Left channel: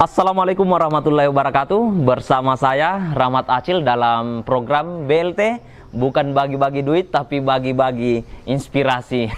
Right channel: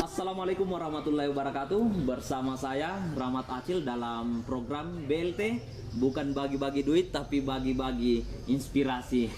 Assalamualaikum warahmatullahi wabarakatuh. Bersama saya Rahmat Acil dalam program BLT, bukan bagi-bagi duit tapi bagi-bagi inspirasi.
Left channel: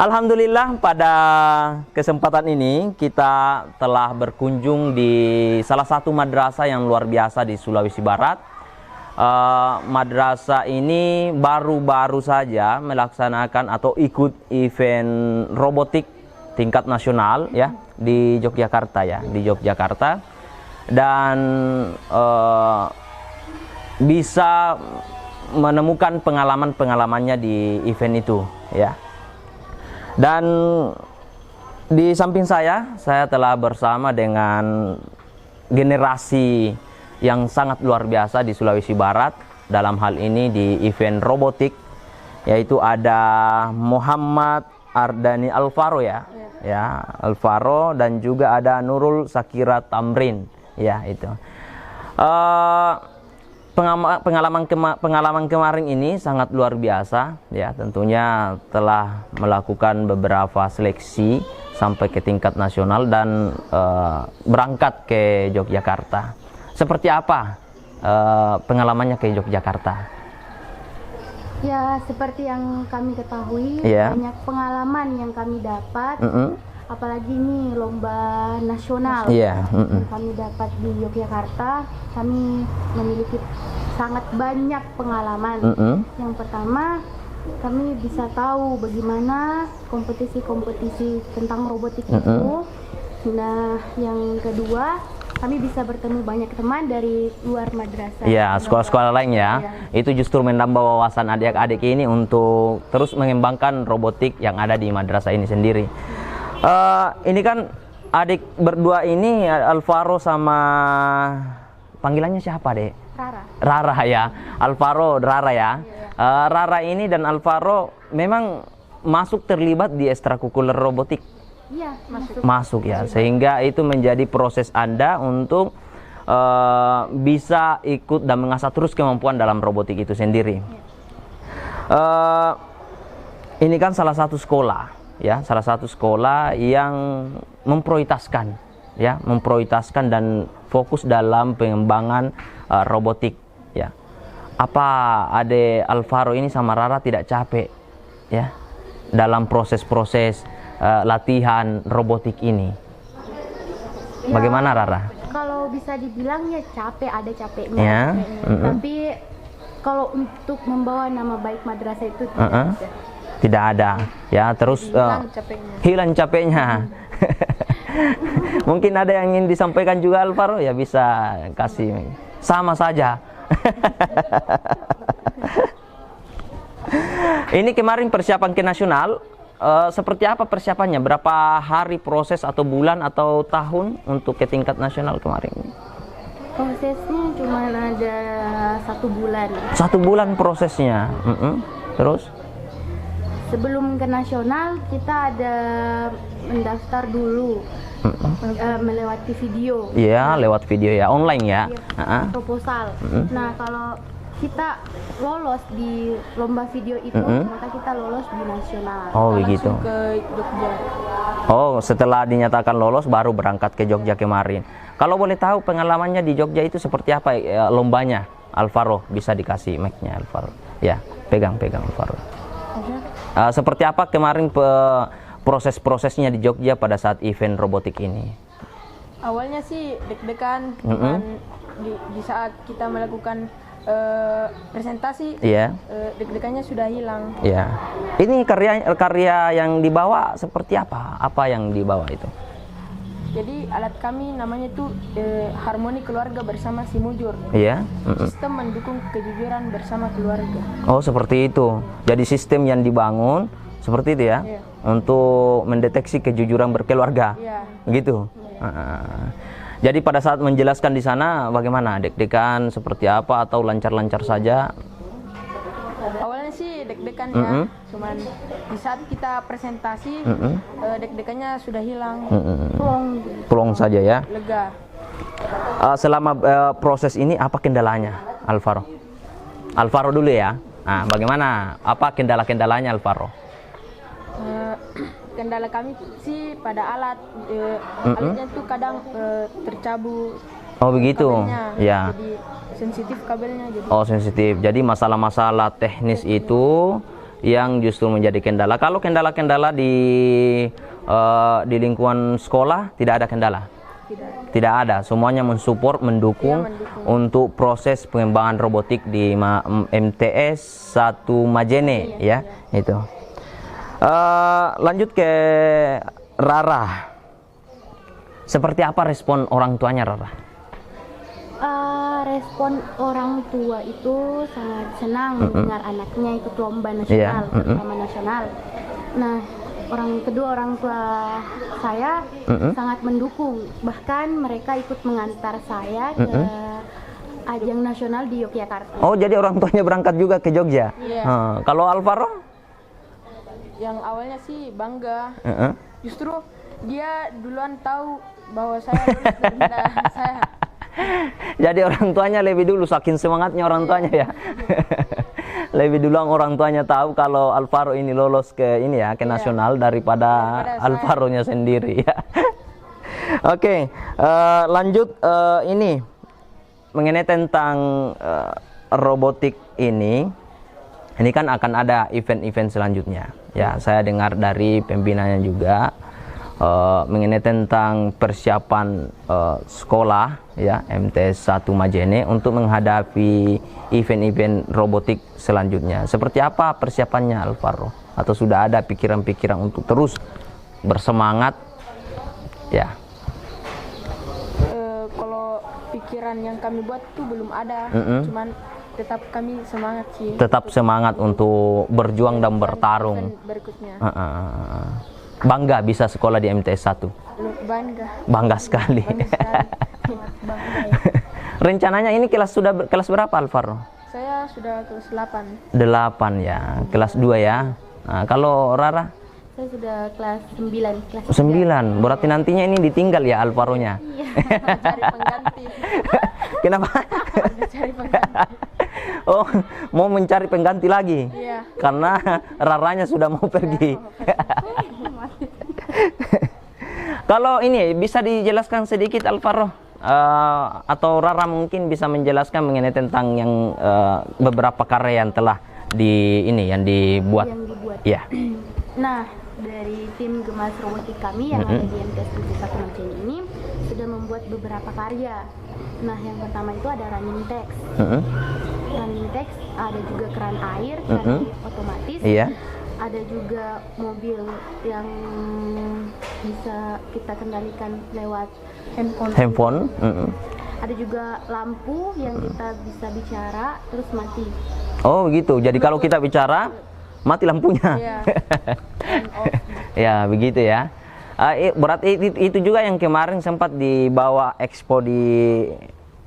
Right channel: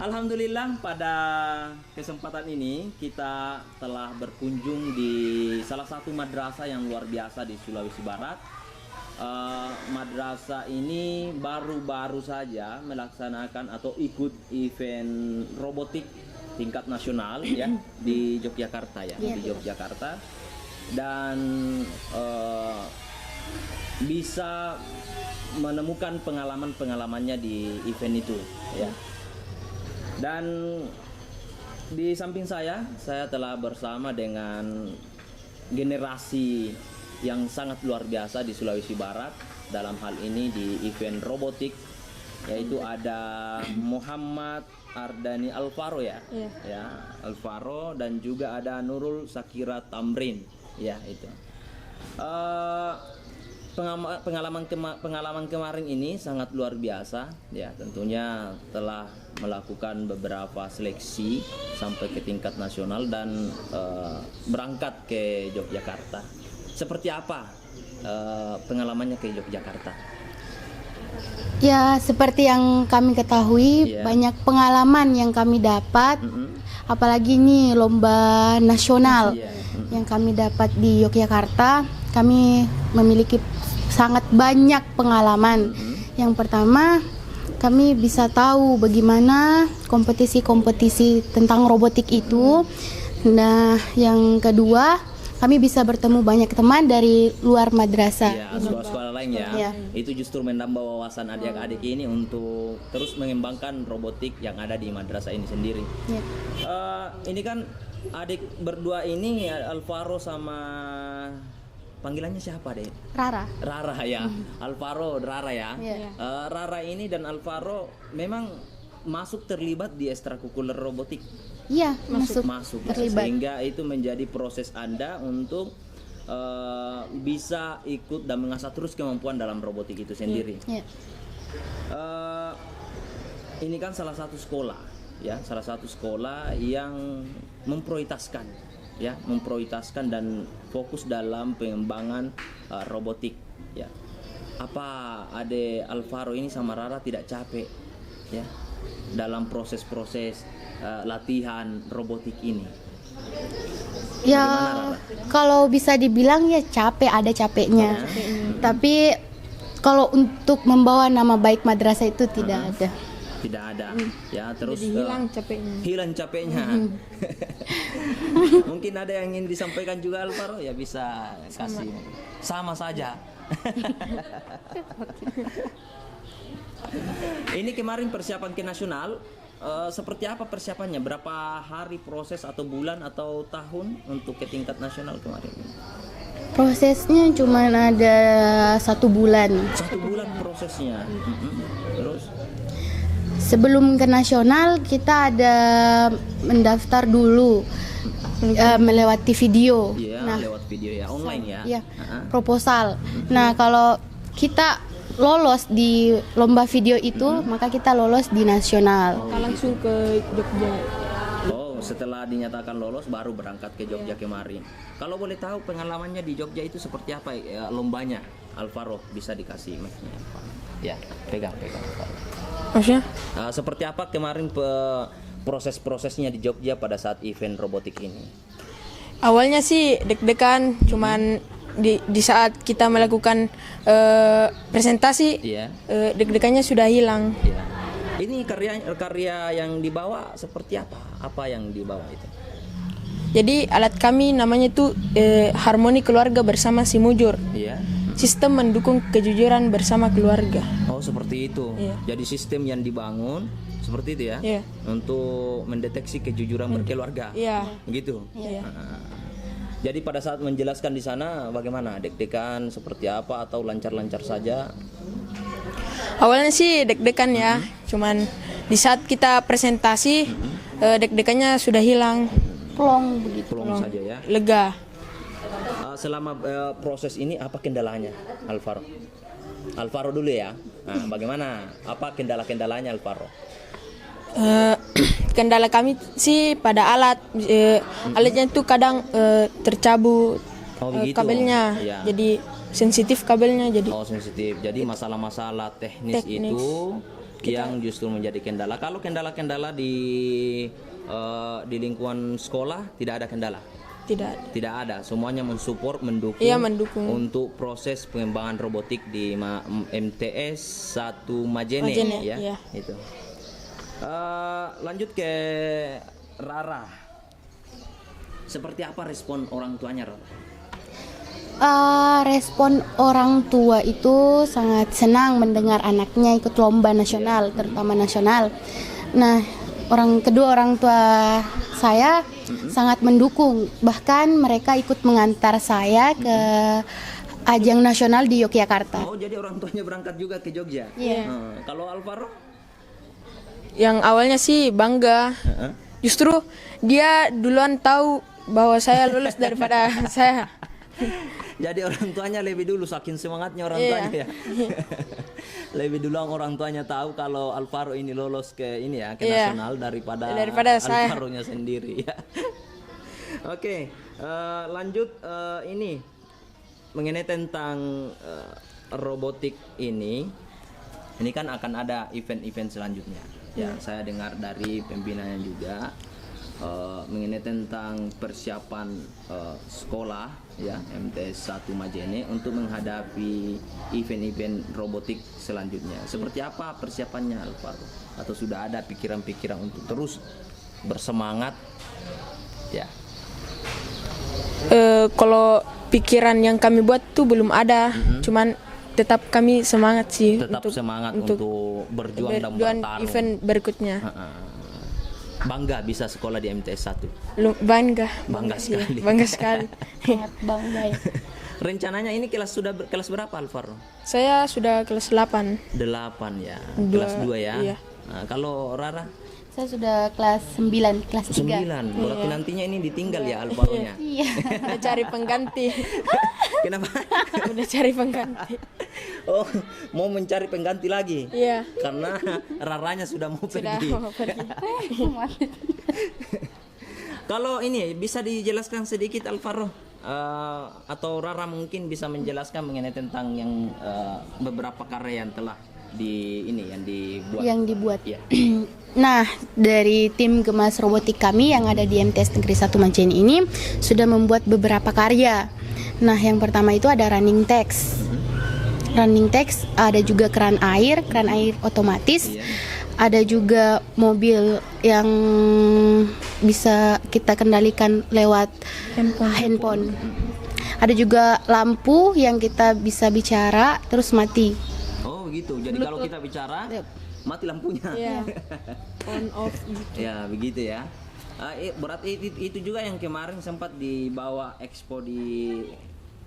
Alhamdulillah, pada kesempatan ini kita telah berkunjung di salah satu madrasah yang luar biasa di Sulawesi Barat. Madrasah ini baru-baru saja melaksanakan atau ikut event robotik tingkat nasional ya di Yogyakarta di Yogyakarta, dan bisa menemukan pengalamannya di event itu ya. Dan di samping saya telah bersama dengan generasi yang sangat luar biasa di Sulawesi Barat dalam hal ini di event robotik, yaitu ada Muhammad Ardani Alvaro ya Alvaro, dan juga ada Nurul Sakira Tamrin ya itu. Pengalaman kemarin ini sangat luar biasa ya, tentunya telah melakukan beberapa seleksi sampai ke tingkat nasional dan berangkat ke Yogyakarta. Seperti apa pengalamannya ke Yogyakarta? Ya, seperti yang kami ketahui, banyak pengalaman yang kami dapat, apalagi ini lomba nasional yang kami dapat di Yogyakarta. Kami memiliki sangat banyak pengalaman. Yang pertama, kami bisa tahu bagaimana kompetisi-kompetisi tentang robotik itu. Nah, yang kedua, kami bisa bertemu banyak teman dari luar madrasah. Ya, sekolah-sekolah lain ya. Itu justru menambah wawasan adik-adik ini untuk terus mengembangkan robotik yang ada di madrasah ini sendiri. Ini kan adik berdua ini, Alvaro sama panggilannya siapa, Dek? Rara. Rara ya. Alvaro, Rara ya. Rara ini dan Alvaro memang masuk terlibat di ekstrakurikuler robotik. Iya, masuk ya, sehingga itu menjadi proses Anda untuk bisa ikut dan mengasah terus kemampuan dalam robotik itu sendiri. Ini kan salah satu sekolah ya, salah satu sekolah yang memprioritaskan dan fokus dalam pengembangan robotik ya. Apa Ade Alvaro ini sama Rara tidak capek ya dalam proses-proses latihan robotik ini? Ya, bagaimana Rara? Kalau bisa dibilang ya capek, ada capeknya. Tapi kalau untuk membawa nama baik madrasah itu tidak ada. Tidak ada. Ya, terus hilang capeknya. Mungkin ada yang ingin disampaikan juga Alvaro, ya bisa kasih. Sama saja. Ini kemarin persiapan ke nasional. Seperti apa persiapannya? Berapa hari proses atau bulan atau tahun untuk ke tingkat nasional kemarin? Prosesnya cuma ada 1 bulan. 1 bulan prosesnya. Terus? Sebelum ke nasional kita ada mendaftar dulu, melewati video. Iya, lewat video ya, online ya. Iya, proposal. Nah, kalau kita lolos di lomba video itu, maka kita lolos di nasional. Oh begitu. Langsung ke Jogja. Oh, setelah dinyatakan lolos baru berangkat ke Jogja kemarin. Kalau boleh tahu pengalamannya di Jogja itu seperti apa lombanya? Alvaro, bisa dikasih mic-nya Alvaro. Ya, pegang Alvaro. Maksudnya? Seperti apa kemarin proses-prosesnya di Jogja pada saat event robotik ini? Awalnya sih deg-degan, cuman di saat kita melakukan presentasi, deg-degannya sudah hilang. Iya. Ini karya yang dibawa seperti apa? Apa yang dibawa itu? Jadi alat kami namanya itu Harmoni Keluarga Bersama Simujur. Iya. Sistem mendukung kejujuran bersama keluarga. Oh, seperti itu. Jadi sistem yang dibangun seperti itu ya, untuk mendeteksi kejujuran berkeluarga. Begitu. Jadi pada saat menjelaskan di sana bagaimana? Deg-degan seperti apa atau lancar-lancar saja? Awalnya sih deg-degan ya, cuman di saat kita presentasi deg-degannya sudah hilang. Plong saja ya. Lega. Selama proses ini apa kendalanya, Alvaro? Alvaro dulu ya. Nah, bagaimana? Apa kendala-kendalanya Alvaro? Kendala kami sih pada alat, alatnya itu kadang tercabut. Oh begitu. Kabelnya, Ya. jadi sensitif kabelnya. Jadi Oh sensitif. Jadi masalah-masalah teknis itu yang justru menjadi kendala. Kalau kendala-kendala di lingkungan sekolah tidak ada kendala. Tidak ada. Semuanya mensupport, mendukung, Iya, mendukung untuk proses pengembangan robotik di MTS 1 Majene, ya. iya. Itu. Lanjut ke Rara. Seperti apa respon orang tuanya Rara? Respon orang tua itu sangat senang mendengar anaknya ikut lomba nasional, terutama nasional. Nah, kedua orang tua saya sangat mendukung, bahkan mereka ikut mengantar saya ke ajang nasional di Yogyakarta. Oh, jadi orang tuanya berangkat juga ke Jogja? Iya. Kalau Alvaro? yang awalnya sih bangga. Justru dia duluan tahu bahwa saya lulus daripada saya. Jadi orang tuanya lebih dulu, saking semangatnya orang tuanya ya. Lebih dulu orang tuanya tahu kalau Alvaro ini lolos ke ini ya, ke nasional daripada Alvaro-nya sendiri ya. Oke, lanjut ini mengenai tentang robotik ini kan akan ada event-event selanjutnya. Ya, saya dengar dari pembinanya juga mengenai tentang persiapan sekolah ya MTS 1 Majene untuk menghadapi event-event robotik selanjutnya. Seperti apa persiapannya Alvaro? Atau sudah ada pikiran-pikiran untuk terus bersemangat? Ya. Kalau pikiran yang kami buat tuh belum ada, cuman tetap kami semangat sih. Tetap semangat untuk berjuang dan bertarung. Event berikutnya. Bangga bisa sekolah di MTS 1. Bangga. Bangga sekali. Bangga sekali. Bangga ya. Rencananya ini kelas berapa Alvaro? Saya sudah kelas 8. 8 ya. Kelas 2 ya. Iya. Nah, kalau Rara? Saya sudah kelas 9, kelas 3. 9. Berarti nantinya ini ditinggal ya Alvaro-nya. Iya. Udah cari pengganti. Kenapa? Udah cari pengganti. Oh, mau mencari pengganti lagi? Iya. Karena Raranya sudah mau pergi. Kalau ini bisa dijelaskan sedikit Alvaro atau Rara mungkin bisa menjelaskan mengenai tentang yang beberapa karya yang telah yang dibuat. Yang dibuat. Ya. Nah, dari tim Gemas Robotik kami yang ada di MTS Negeri 1 Majene ini sudah membuat beberapa karya. Nah, yang pertama itu ada running text. Running text, ada juga keran air otomatis. Iya. Ada juga mobil yang bisa kita kendalikan lewat handphone. Ada juga lampu yang kita bisa bicara terus mati. Oh begitu. Jadi kalau kita bicara mati lampunya. Iya. On off. Ya begitu ya. Berarti itu juga yang kemarin sempat dibawa expo di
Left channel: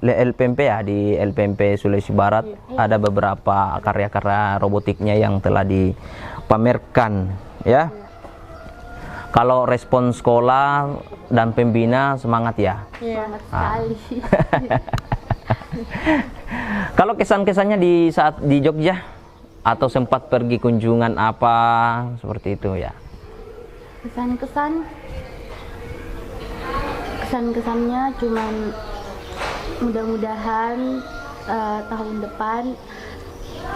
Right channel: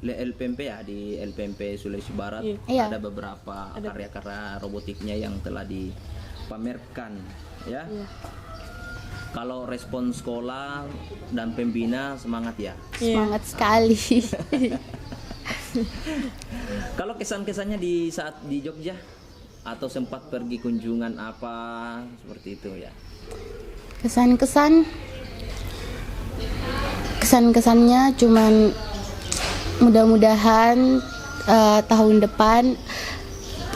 LPMP ya, di LPMP Sulawesi Barat. Ada beberapa karya-karya robotiknya yang telah dipamerkan ya. Kalau respon sekolah dan pembina semangat ya. Semangat sekali. Kalau kesan-kesannya di saat di Jogja atau sempat pergi kunjungan apa seperti itu ya? Kesan-kesannya cuman mudah-mudahan tahun depan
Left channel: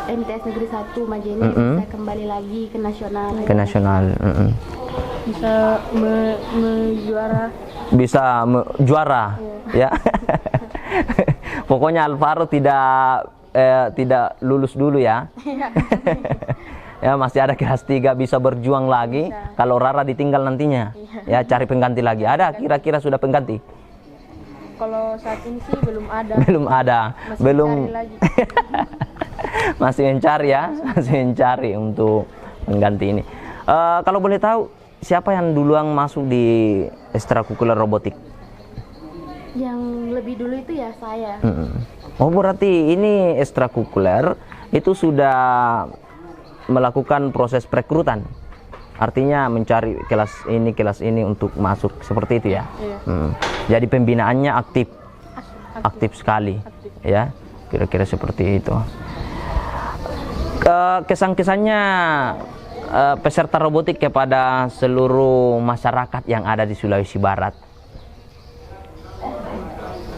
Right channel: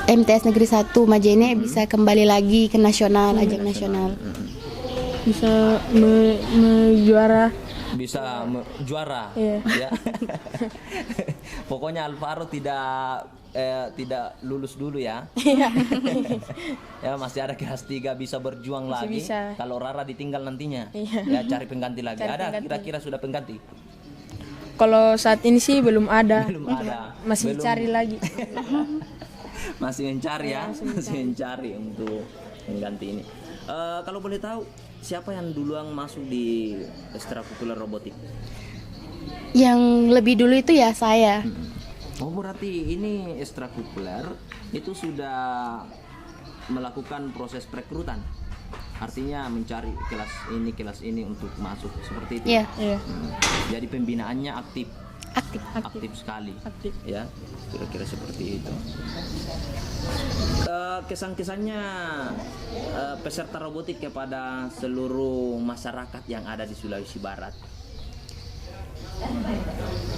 MTS Negeri 1 Majene bisa kembali lagi ke nasional. Ke nasional. Bisa juara. Bisa juara. Iya. Ya. Pokoknya Alvaro tidak lulus dulu ya. Ya masih ada kelas 3 bisa berjuang lagi. Kalau Rara ditinggal nantinya. Ya cari pengganti lagi. Ada kira-kira sudah pengganti? Kalau saat ini sih belum ada. Belum ada. Masih cari lagi. Masih mencari ya. Masih mencari untuk pengganti ini. Kalau boleh tahu siapa yang duluan masuk di ekstrakurikuler robotik? Yang lebih dulu itu ya saya. Oh berarti ini ekstrakurikuler itu sudah melakukan proses perekrutan, artinya mencari kelas ini untuk masuk seperti itu ya. Iya. Jadi pembinaannya aktif sekali. Ya kira-kira seperti itu. kesan-kesannya peserta robotik kepada seluruh masyarakat yang ada di Sulawesi Barat.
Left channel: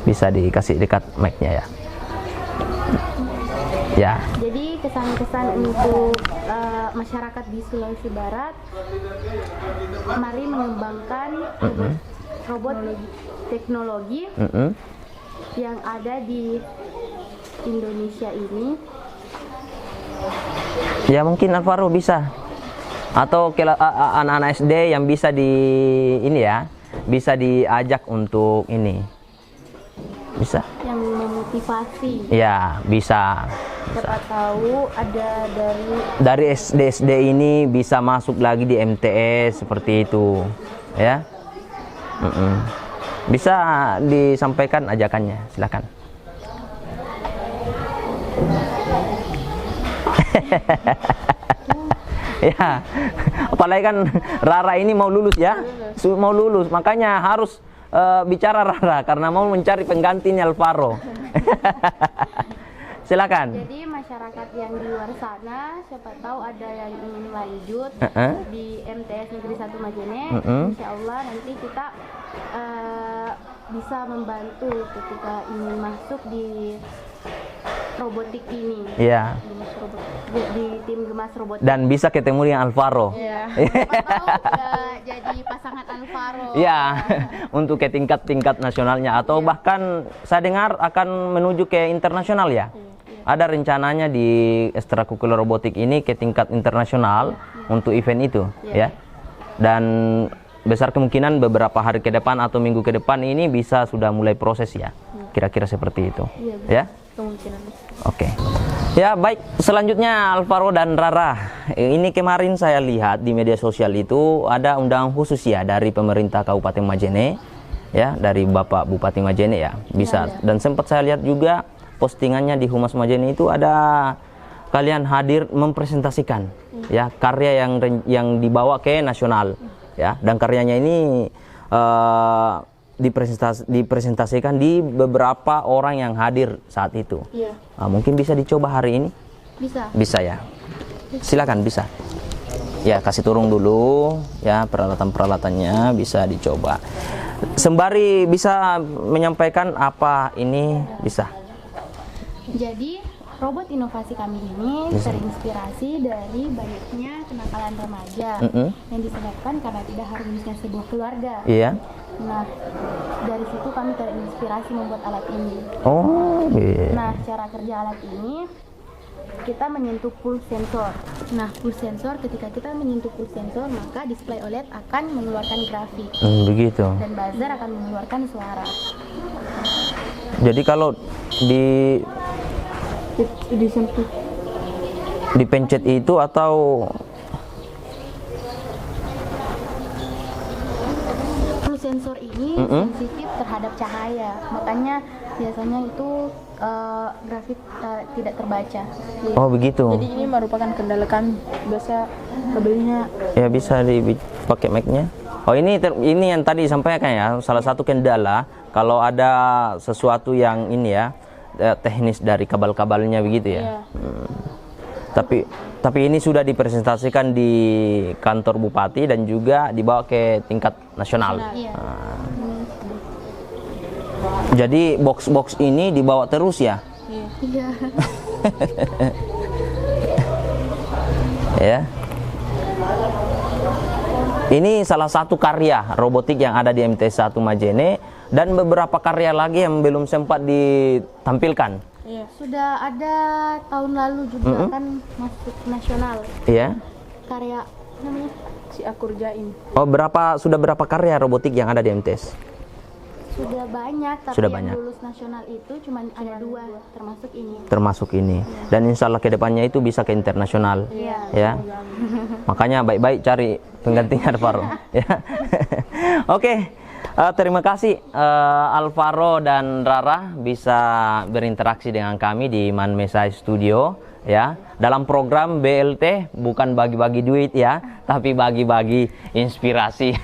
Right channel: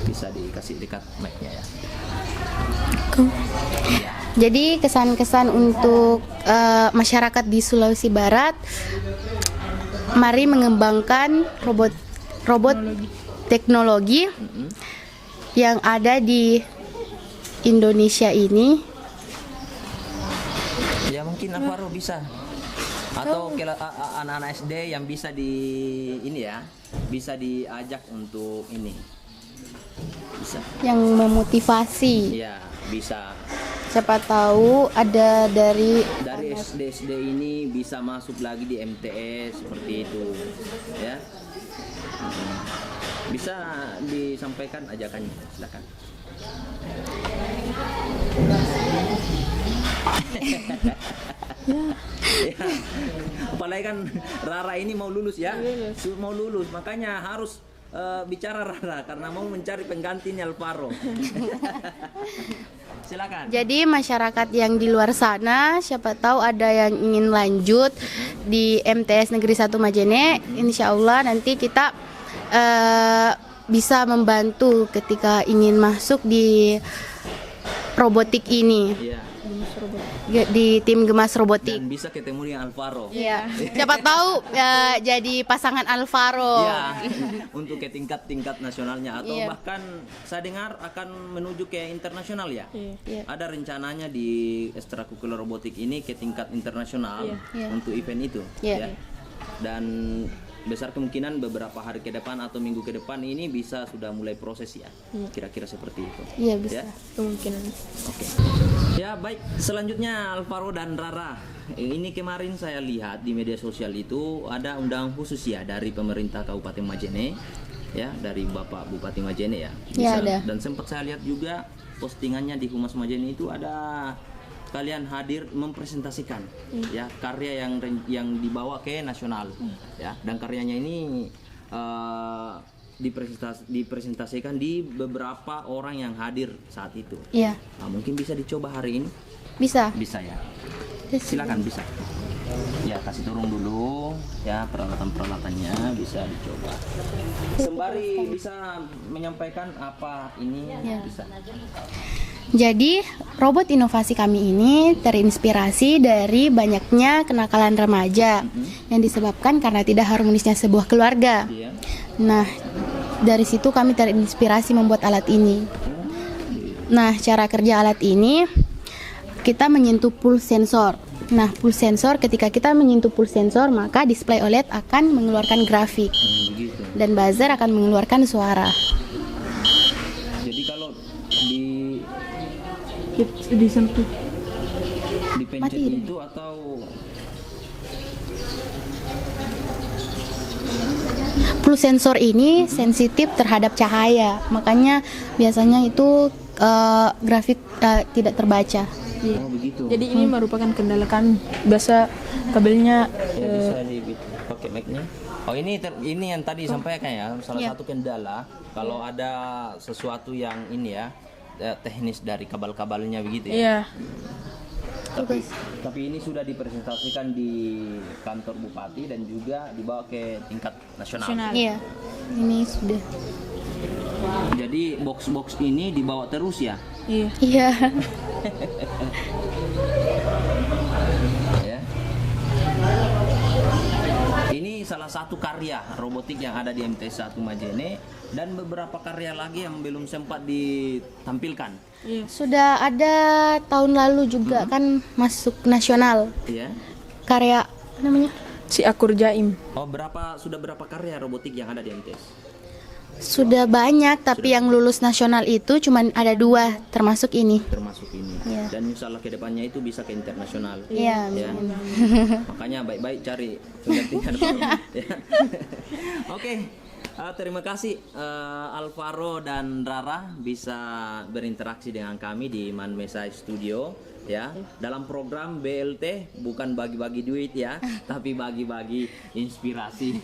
Bisa dikasih dekat mic-nya ya. Ya. Jadi kesan-kesan untuk masyarakat di Sulawesi Barat, mari mengembangkan robot teknologi yang ada di Indonesia ini. Ya mungkin Alvaro bisa, atau anak-anak SD yang bisa ini ya, bisa diajak untuk ini, bisa. Yang memotivasi. Ya bisa. Siapa tahu ada dari SD ini bisa masuk lagi di MTS seperti itu, ya. Bisa disampaikan ajakannya, silakan. Ya, apalagi kan Rara ini mau lulus ya, mau lulus, makanya harus bicara Rara karena mau mencari penggantinya Alvaro. Silakan. Jadi masyarakat yang di luar sana, siapa tahu ada yang ingin lanjut di MTS Negeri 1 Majene, insya Allah nanti kita bisa membantu ketika ingin masuk di robotik ini. Iya. Di tim Gemas Robotik. Dan bisa ketemu dengan Alvaro. Iya. Siapa tahu jadi pasangan Alvaro. Iya. Untuk ke tingkat nasionalnya atau bahkan saya dengar akan menuju ke internasional ya. Ada rencananya di ekstrakurikuler robotik ini ke tingkat internasional untuk event itu ya. Dan besar kemungkinan beberapa hari ke depan atau minggu ke depan ini bisa sudah mulai proses ya. Kira-kira seperti itu. Iya, bisa. Ya. Kemungkinan. Oke. Ya baik, selanjutnya Alvaro dan Rara. Ini kemarin saya lihat di media sosial itu ada undangan khusus ya dari pemerintah Kabupaten Majene, ya, dari Bapak Bupati Majene ya. Bisa. Ya, dan sempat saya lihat juga postingannya di Humas Majene itu ada kalian hadir mempresentasikan ya karya yang dibawa ke nasional ya, dan karyanya ini dipresentasikan di beberapa orang yang hadir saat itu. Iya. Mungkin bisa dicoba hari ini? Bisa. Bisa ya. Silakan bisa. Ya kasih turun dulu ya peralatan-peralatannya bisa dicoba. Sembari bisa menyampaikan apa ini bisa. Jadi robot inovasi kami ini terinspirasi dari banyaknya kenakalan remaja yang disebabkan karena tidak harmonisnya sebuah keluarga. Iya. Nah, dari situ kami terinspirasi membuat alat ini. Oh, iya. Nah, cara kerja alat ini kita menyentuh pulse sensor. Nah, pulse sensor, ketika kita menyentuh pulse sensor, maka display OLED akan mengeluarkan grafik. Begitu. Dan buzzer akan mengeluarkan suara. Jadi kalau Disentuh. dipencet itu atau Pulse sensor ini sensitif terhadap cahaya, makanya biasanya itu grafik tidak terbaca. oh begitu. Jadi ini merupakan kendala kami. Biasa kabelnya Ya bisa dipakai mic-nya. Oh ini yang tadi disampaikan ya, salah satu kendala kalau ada sesuatu yang ini ya teknis dari kabel-kabelnya begitu ya. Iya. Tapi ini sudah dipresentasikan di kantor bupati dan juga dibawa ke tingkat nasional. Iya. Ini sudah. Jadi box-box ini dibawa terus ya. Iya. Ya. Ini salah satu karya robotik yang ada di MTS 1 Majene dan beberapa karya lagi yang belum sempat ditampilkan. Iya. Sudah ada tahun lalu juga kan masuk nasional. Iya. Karya namanya? Si Akur Jaim. Oh, sudah berapa karya robotik yang ada di MTS? Sudah banyak, tapi Sudah yang banyak. lulus nasional itu cuma ada 2, termasuk ini. Termasuk ini. Iya. Dan insya Allah kedepannya itu bisa ke internasional. Iya. Ya. Makanya baik-baik cari penggantinya Alvaro. Ya. Oke. Terima kasih Alvaro dan Rara bisa berinteraksi dengan kami di Manmesai Studio ya. Dalam program BLT bukan bagi-bagi duit ya, tapi bagi-bagi inspirasi.